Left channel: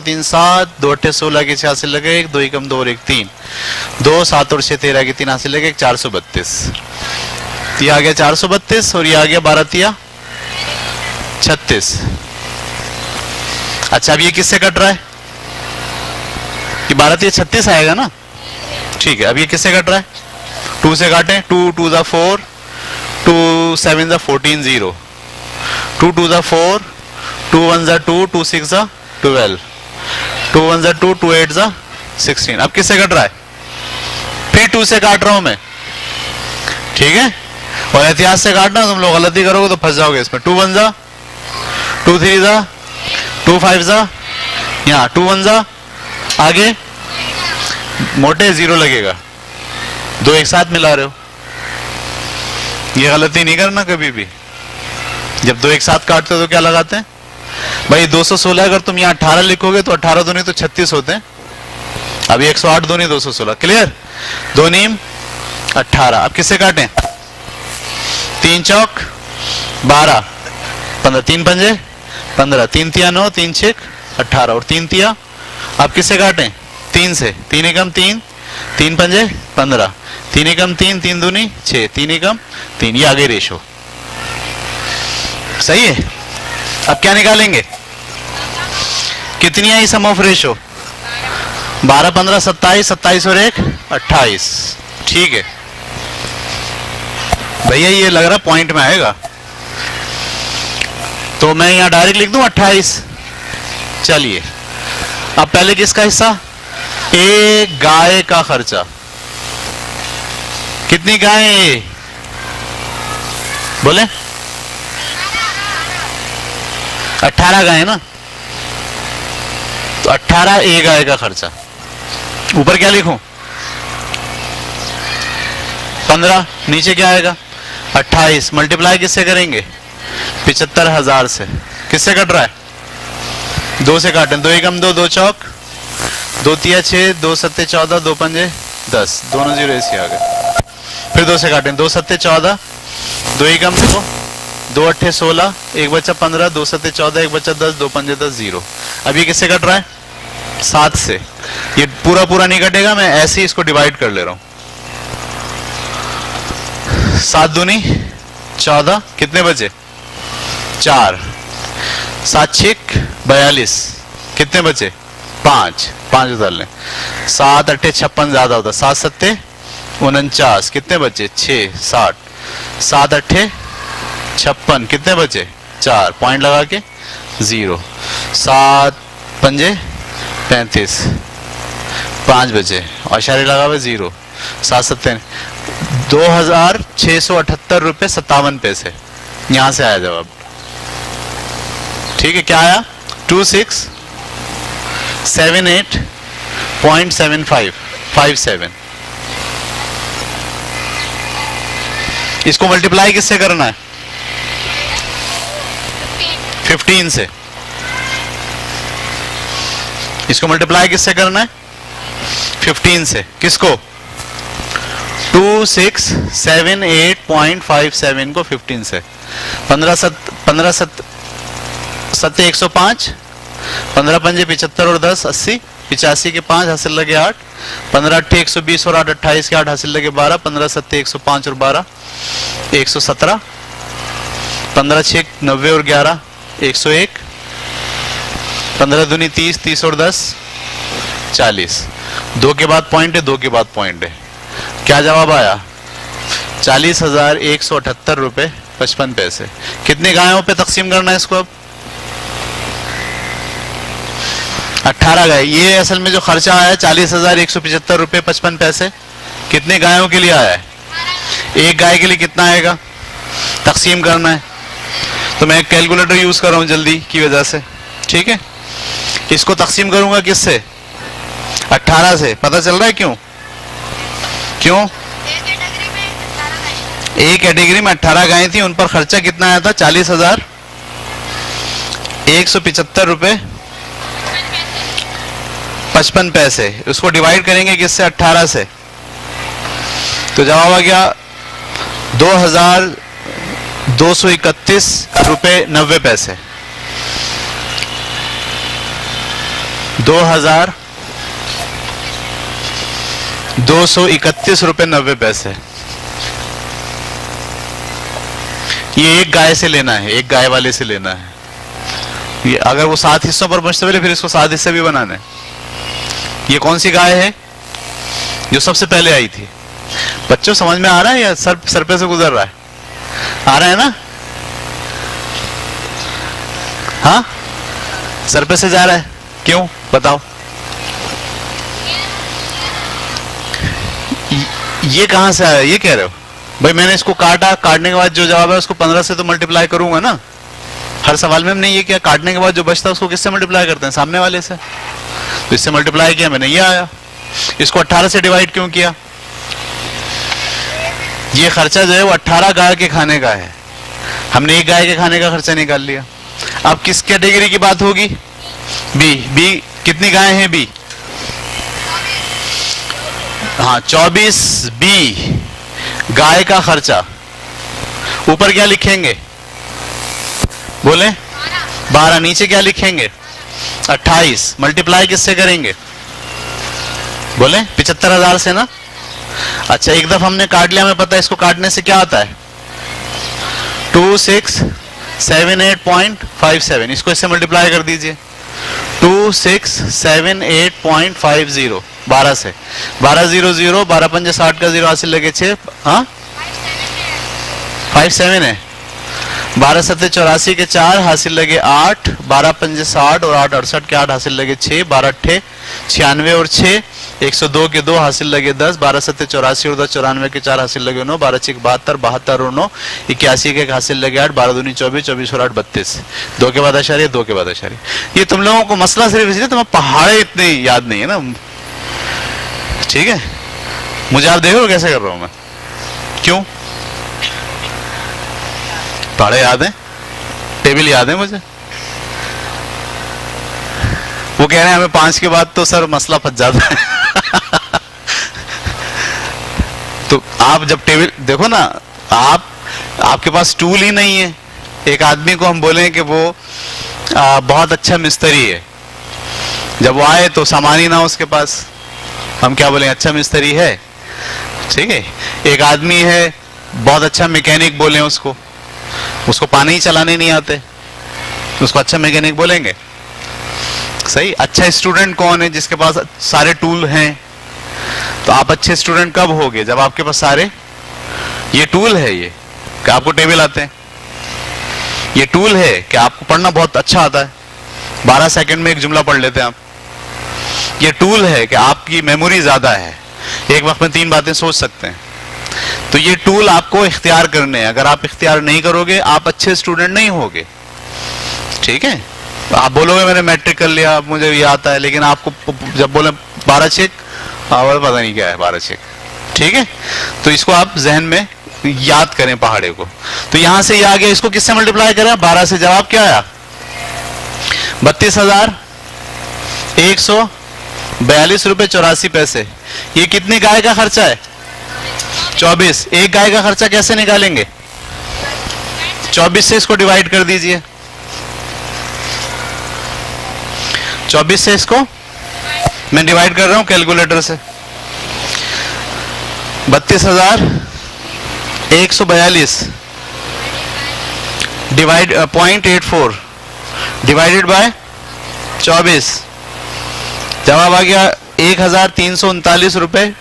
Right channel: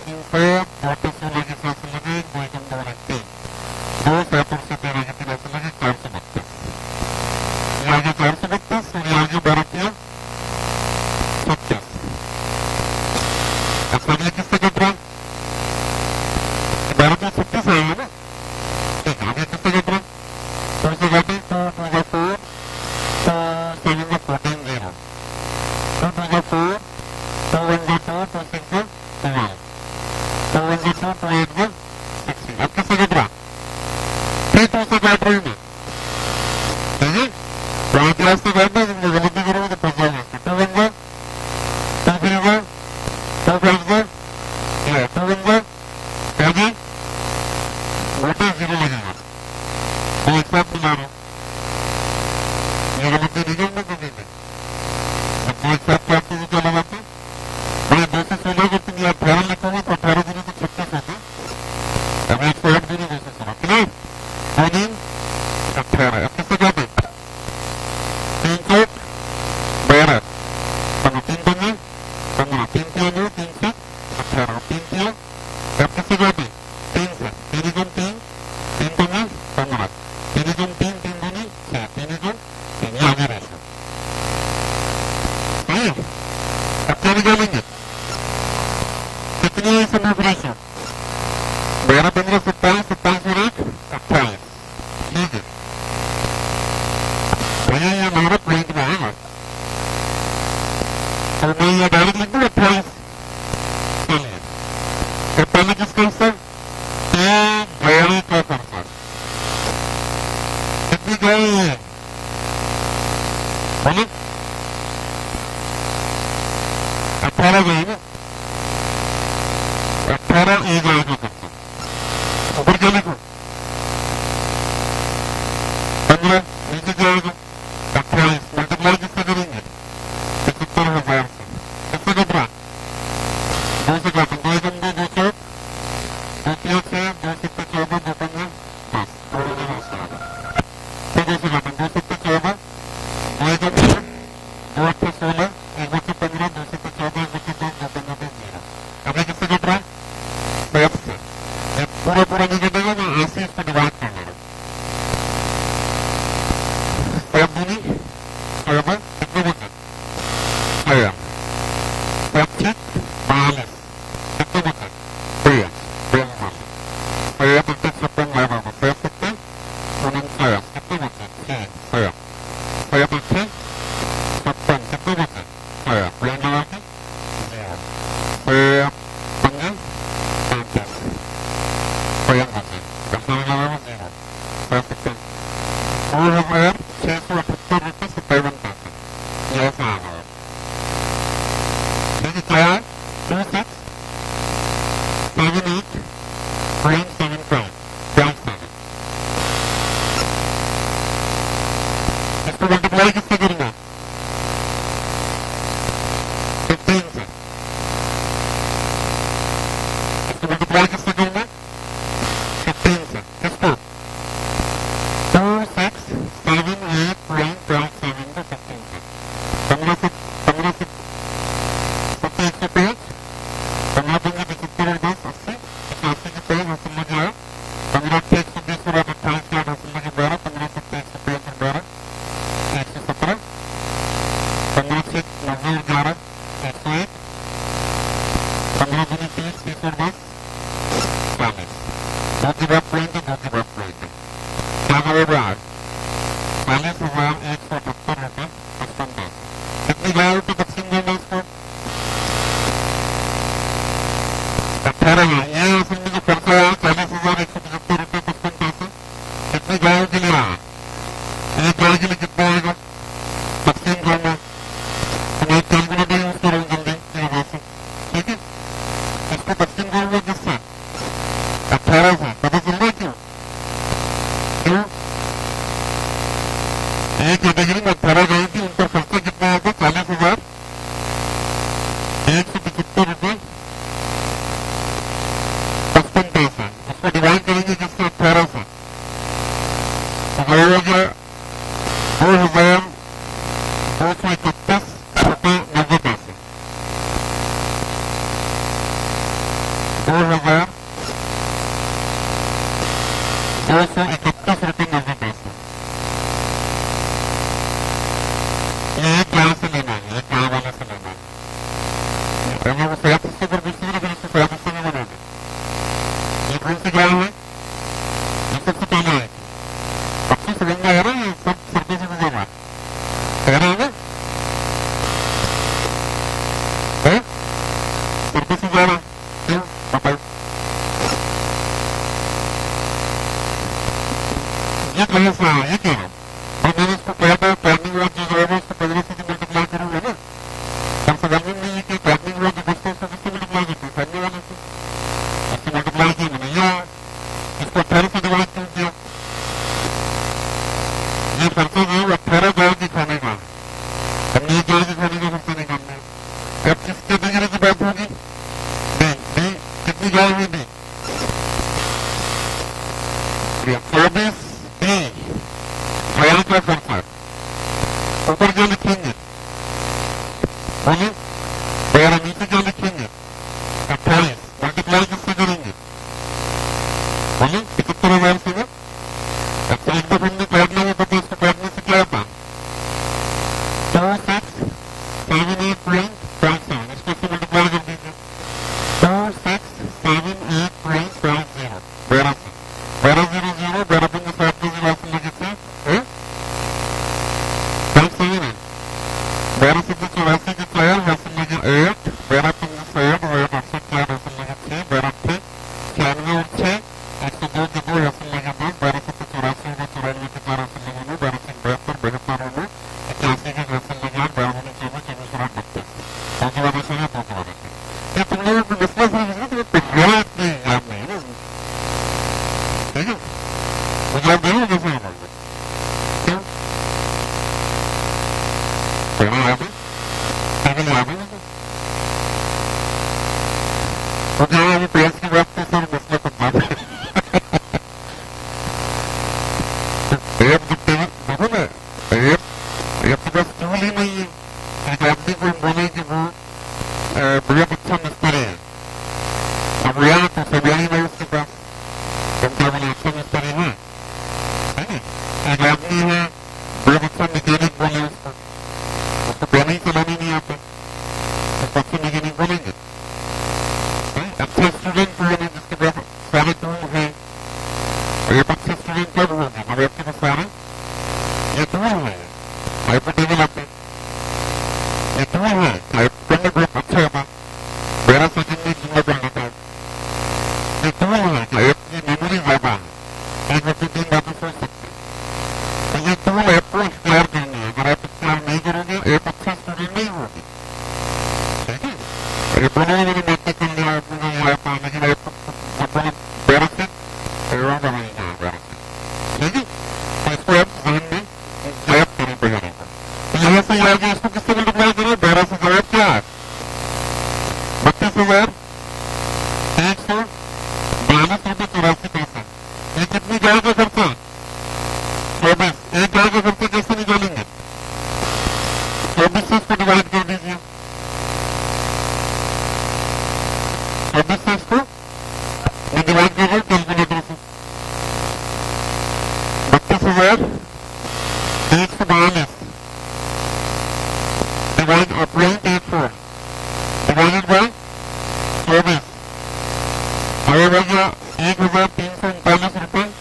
को 3 7, 2 8 16 की 6 हासिल लगे 1, 2 एकम 2 और 1 3, 2 7 और 6 13 की 3 हासिल लगे 432। ये आ गया 432 और ये आ गया 12 तिया 36। अच्छा अब ये किससे कट रहा है? ये 12 तिया 36 आएगा ना, ठीक है। अब ये किससे कट रहा है? 2 से काटें, 2 2 ज़ा 4, 2 7 ज़ा 14 0, 2 2 ज़ा 4, 2 1 ज़ा 2, 2 6 ज़ा 12, 2 1 ज़ा 2, 2 8 ज़ा 16। अब किससे कट रहा है? फिर 2 से काट रहा हूं मैं, ठीक है। और एहतियात से काटना, तुम लोग गलती करोगे तो फंस जाओगे इसमें। 2 1 ज़ा 2 3 ज़ा 2 5 ज़ा, यहाँ 2 1 ज़ा, आगे मोटे 0 लगेगा, 2 एक साथ मिला रहे हो। ये गलती नहीं करना कभी भी, जब 2 एक साथ काटते हो तो क्या लगाते हैं भाई? 216 अगर तुम यहाँ 18 लिखोगे तो 18 दूनी तो 36 होते हैं। अभी 108 दूनी 216, क्लियर? 2 नीम 18। अब किससे काटें? 3 चौक 12, 15, 3 पंजे 15, 3 तिया 9, 3 6 18 और 3 तिया। अब किससे काटें? 3 से, 3 एकम 3, 3 पंजे 15, 3 एकम 3, 3 दूनी 6, 3 एकम 3। ये आगे रेशो सही है। अब क्या निकालेंगे? कितनी है सम ऑफ रेशो? 12 15 27, 27 और 1 28, ठीक है भैया। ये लग रहा पॉइंट में आएगा तो मैं यहां डायरेक्ट लिख दूं 28। चलिए अब पहले किसका हिस्सा? एक गाय का खर्चा। कितनी गाय है? बोले 18 गाय ना, तो 18 एक गाय का खर्चा। ऊपर क्या लिखूं? 15, नीचे क्या आएगा? 28 मल्टीप्लाई किससे करेंगे? 75,000 से। किससे कट रहा है? 2 से काटें, 2 एकम 2, 2 चौक 2 तिया 6, 2 सत्ते 14, 2 पंजे 10, दोनों 0 ऐसे आ गए। फिर 2 से काटें, 2 सत्ते 14, 2 एकम 2, 2 अट्ठे 16, 1 बच्चा 15, 2 सत्ते 14, 1 बच्चा 10, 2 पंजे 10 0। अब ये किससे कट रहा है? 7 से। ये पूरा पूरा नहीं कटेगा, मैं ऐसे ही इसको डिवाइड कर ले रहा हूं। 7 दूनी 14, कितने बचे? 4, 7 6 42, कितने बचे? 5 उधार लें। 7 अट्ठे 56 ज्यादा होता, 7 सत्ते 49, कितने बचे? 6 60, 7 अट्ठे 56, कितने बचे? 4, पॉइंट लगा के 0, 7 पंजे 35, 5 बचे और इशारे लगा हुए 0, 7 सत्ते 2678 रुपये 57 पैसे। यहां से आया जवाब, ठीक है। क्या आया? 2678.7557। इसको मल्टीप्लाई किससे करना है? 15 से। इसको मल्टीप्लाई किससे करना है? 15 से। किसको? 2678.57 को 15 से। 15 सत्ते 105, 15 पंजे 75 और 10 80, 85 के 5 हासिल लगे 8, 15 अट्ठे 120 और 8 28 के 8 हासिल लगे 12, 15 सत्ते 105 और 12 117, 15 6 90 और 11 101, 15 दूनी 30, 30 और 10 40। 2 के बाद पॉइंट है, 2 के बाद पॉइंट है। क्या जवाब आया? 40,178 रुपये 55 पैसे। कितनी गायों पे तकसीम करना है इसको? अब 18 गाय। ये असल में जो खर्चा आया है 40,175 रुपये 55 पैसे, कितनी गायों के लिए आया है? एक गाय के लिए कितना आएगा? तकसीम करना है तो मैं कैलकुलेटर यूज कर रहा हूं जल्दी की वजह से, ठीक है। इसको तकसीम करूंगा किससे? 18 से। पता चल रहा है क्यों? क्यों? एक कैटेगरी में 18 गायें थी, उन पर खर्चा कितना आया था? 40,175 रुपये 55 पैसे। उसको डिवाइड करेंगे किससे? 18 से। तो जवाब आ गया 2,231 रुपये 90 पैसे। ₹2,231.90। ये एक गाय से लेना है, एक गाय वाले से लेना है। ये अगर वो 7 हिस्सों पर मुश्तमिल है फिर इसको 7 हिस्से भी बनाने। ये कौन सी गाय है? जो सबसे पहले आई थी। बच्चों समझ में आ रहा है या सर पे से गुजर रहा है? आ रहा है ना? हाँ, सर पे से जा रहा है, क्यों बताओ? ये कहां से आया, ये कह रहे हो? भाई मैंने इसको काटा, काटने के बाद जो जवाब है उसको 15 से तो मल्टीप्लाई करूंगा ना। हर सवाल में हमने ये किया, काटने के बाद जो बचता है उसको किससे मल्टीप्लाई करते हैं? सामने वाले से। तो इससे मल्टीप्लाई किया मैंने, ये आया। इसको 18 से डिवाइड क्यों किया? ये खर्चा जो है वो 18 गाय के खाने का है, हमने एक गाय के खाने का खर्चा निकाल लिया। अब किस कैटेगरी की बात होगी? बी। बी कितनी गाय हैं? बी, हाँ 24 बी गाय का खर्चा। ऊपर क्या लिखेंगे? बोले 12। नीचे क्या लिखेंगे? 28। मल्टीप्लाई किससे करेंगे? बोले 75,000 से ना। अच्छा एक दफा हमने काट लिया, हमें पता है इसको काटने से क्या आता है। 2678.57। इसको इससे मल्टीप्लाई कर दीजिए। 2678.50 12 से। 12 0 0, 12 5 60 का 0 हासिल लगे 6। हाँ 57 है। 12 7 84 के 4 हासिल लगे 8, 12 5 60 और 8 68 के 8 हासिल लगे 6, 12 8 96 और 6 102 के 2 हासिल लगे 10, 12 7 84 और 10 94 के 4 हासिल लगे 9, 12 6 72, 72 और 9 81 के हासिल लगे 8, 12 दूनी 24, 24 और 8 32। 2 के बाद अशारिया, 2 के बाद अशारिया। ये तुम लोगों को मसला सिर्फ इसलिए तुम्हें पहाड़ इतने याद नहीं है ना, ठीक है? मुझे आप देखो कैसे कर रहा हूं मैं, क्यों? पहाड़े याद है, टेबल याद है मुझे। वो कह रहे हैं हमें 5 के बाद तो सर मसला फंस जाता है। तो आप जब टेबल देखो ना, आपके पास टूल ही नहीं है। एक आदमी को हम बोले कि वो बहुत अच्छा मिस्त्री है, जब वो आए तो सामान ही ना उसके पास, हम क्या बोले? अच्छा मिस्त्री है, ठीक है? एक आदमी है बहुत अच्छा मैकेनिक, बोले उसको पानी ही चलाने नहीं आते, तो उसको अच्छा मैकेनिक बोलेंगे? सही। अच्छा स्टूडेंट कौन है? जिसके पास सारे टूल हैं। तो आप अच्छे स्टूडेंट कब होगे? जब आपके पास सारे ये टूल है, ये कि आपको टेबल आते हैं, ये टूल है कि आपको पढ़ना बहुत अच्छा आता है, 12 सेकंड में एक जुमला पढ़ लेते हैं आप। ये टूल है कि आपकी मेमोरी ज्यादा है, एक वक्त में 3 बातें सोच सकते हैं। तो ये टूल आपको इख्तियार करने हैं। अगर आप इख्तियार नहीं करोगे आप अच्छे स्टूडेंट नहीं होगे, ठीक है? आप बोलोगे मैंने मैट्रिक कर लिया, अब मुझे ये आता है, लेकिन आपको जब बोले 12 चेक, पता नहीं क्या है 12 चेक, ठीक है? तो इसको आप जहन में याद करें पहाड़े को। तो यहां से ये आ गया, इसको किससे मल्टीप्लाई करा? 12 से। जवाब क्या आया? 32,142 रुपए 84 पैसे। ये कितनी गाय का खर्चा है? 24। एक गाय का खर्चा कैसे निकालेंगे? 24 से इसको डिवाइड कर दीजिए। 24 से इसको मैं डिवाइड कर रहा हूं कैलकुलेटर से। 32,142 डिवाइड 0.84 डिवाइडेड बाय 24। जवाब आ गया 1,339 रुपए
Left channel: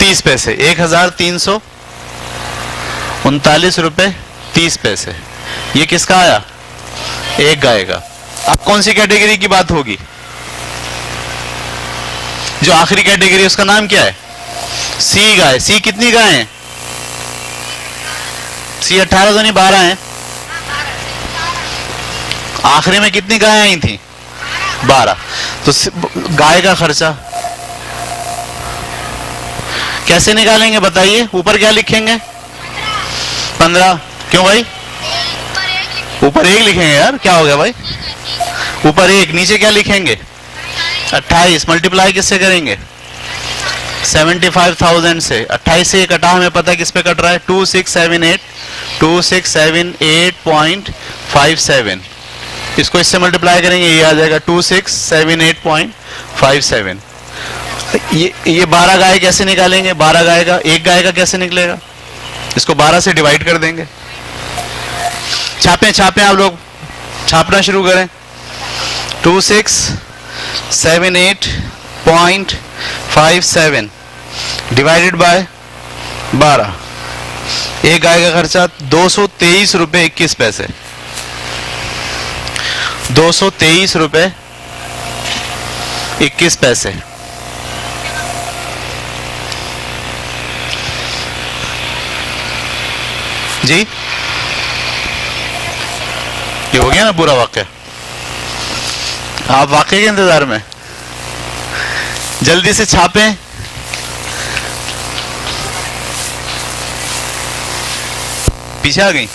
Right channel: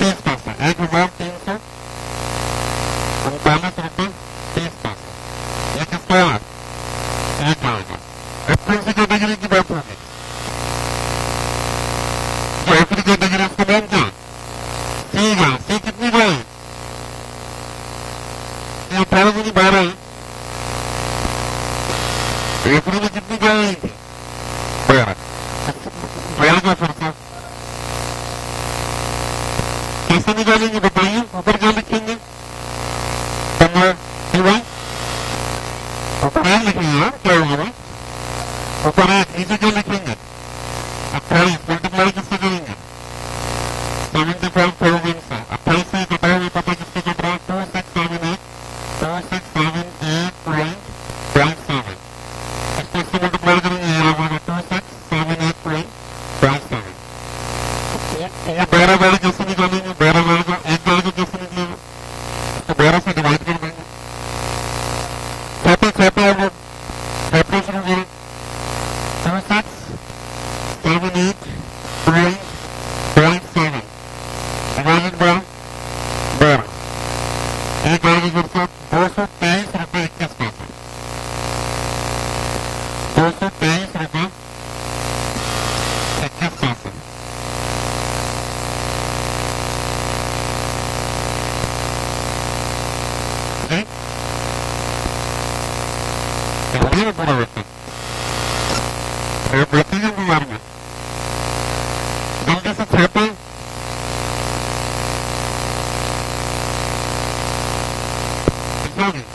30 पैसे। 1,339 रुपए 30 पैसे। ये किसका आया? एक गाय का। अब कौन सी कैटेगरी की बात होगी? जो आखिरी कैटेगरी उसका नाम क्या है? सी गाय। सी कितनी गाय है? सी 18 तो नहीं 12 है। आखिरी में कितनी गाय आई थी? 12। तो गाय का खर्चा कैसे निकालेंगे बताइए? ऊपर क्या लिखेंगे? 15। क्यों भाई? ऊपर 1 लिखेंगे यार, क्या हो गया भाई? ऊपर 1, नीचे क्या लिखेंगे? 28। मल्टीप्लाई किससे करेंगे? 75,000 से। 28 से कटा, हमें पता है किस पे कट रहा है? 2678 2678.57। इसको इससे मल्टीप्लाई करेंगे, ये आ जाएगा 2678.57। ये 12 गाय कैसे निकालेंगे? 12 गाय का, एक गाय का कैसे निकलेगा? इसको 12 से डिवाइड कर देंगे। छापें छापें, आप लोग छापना शुरू करें। 2678.57 डिवाइडेड बाय 12। एक गाय का खर्चा 223 रुपए 21 पैसे। 223 रुपए 21 पैसे। जी, ये हो गया ना पूरा वाक्य? आप वाक्य के इंतजार में, जल्दी से छापें। पीछे आ गई।